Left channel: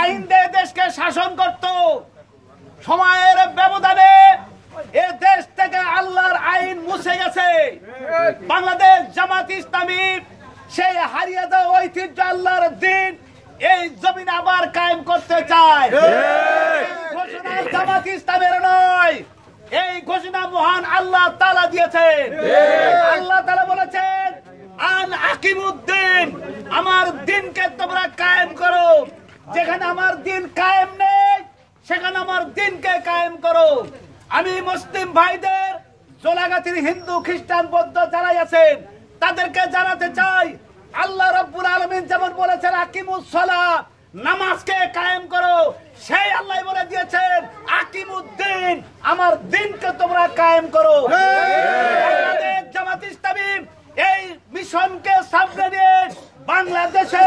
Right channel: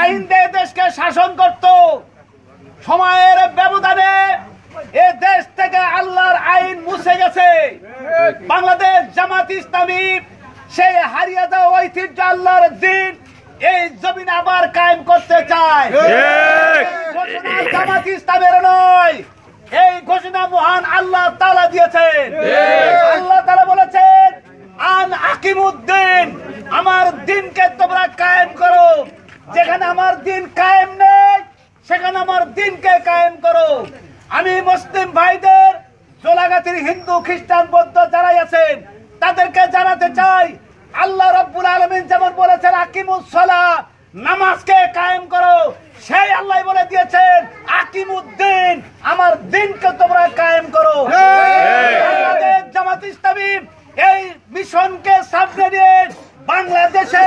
আইন দিয়ে দেশকে শাসন করত। সময়ের ব্যবধানে এ দেশ থেকে আল্লাহর আইন মুছে গেছে। বাংলাদেশ জামাত ইসলামী সেই হারিয়ে যাওয়া ঐতিহ্য আল্লাহর দিন এই জমিনে আবার কায়েম করতে চায়। ঘোষণা জামাত ইসলামের নয়, এই ঘোষণা মহান আল্লাহ তাআলা দিয়েছেন। আল্লাহ তাআলা বলেছেন, আন আকিমুদ্দিন, আমার দিনকে তোমরা কায়েম করো। যেখানে আমার দিন কায়েম নেই সেখানে আমার দিনকে কায়েম করো। আমি মুসলিম ভাইদের, জোলাগাতির হিন্দু খ্রিস্টান বৌদ্ধ যারাই আছেন তাদেরকে জানাতে চাই, আল্লাহ রাব্বুল আলামিন যেমন বলেছেন আকিমুস সালাহ, নামাজকে কায়েম করো, সেই আল্লাহ বলে দিয়েছেন আকিমুদ্দিন, আমার দিনকে তোমরা কায়েম করো। বাংলাদেশ জামাত ইসলামী এই মিশনকে সামনে নিয়ে বাংলাদেশে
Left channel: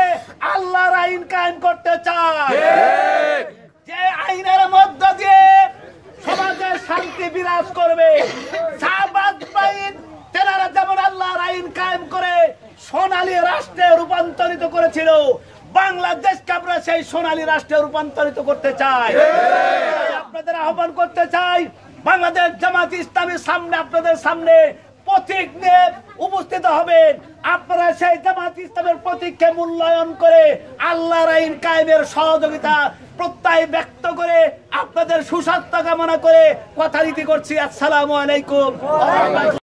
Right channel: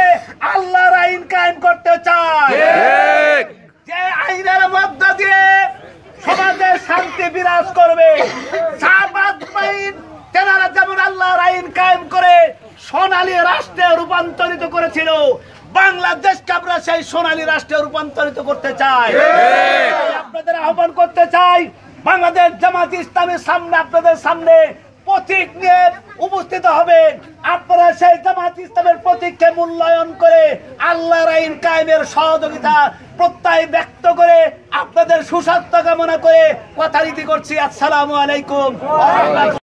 আল্লাহর আইন কায়েম করতে চায়, যে আইনের মধ্য দিয়ে সমাজে শান্তি বিরাজ করবে। তেনারা যেমন আল্লাহর আইন কায়েম করে সোনালী রাষ্ট্রে রূপান্তরিত করেছিল, বাংলাদেশকে আমরা সেই সোনালী রাষ্ট্রে রূপান্তরিত করতে চাই। আপনাদের আহ্বান করতে চাই, বাংলাদেশ জামাত ইসলামের সামনে, আপনাদের সামনে প্রতীক নিয়ে উপস্থিত হবেন। আপনারা সেই জামাত ইসলামের প্রতীককে মূল্যায়ন করে আল্লাহর আইন কায়েমের সহযোগিতা প্রত্যয় ব্যক্ত করে আপনাদের সুস্বাস্থ্য কামনা করে কথা রীতি করছি। আসসালামু আলাইকুম।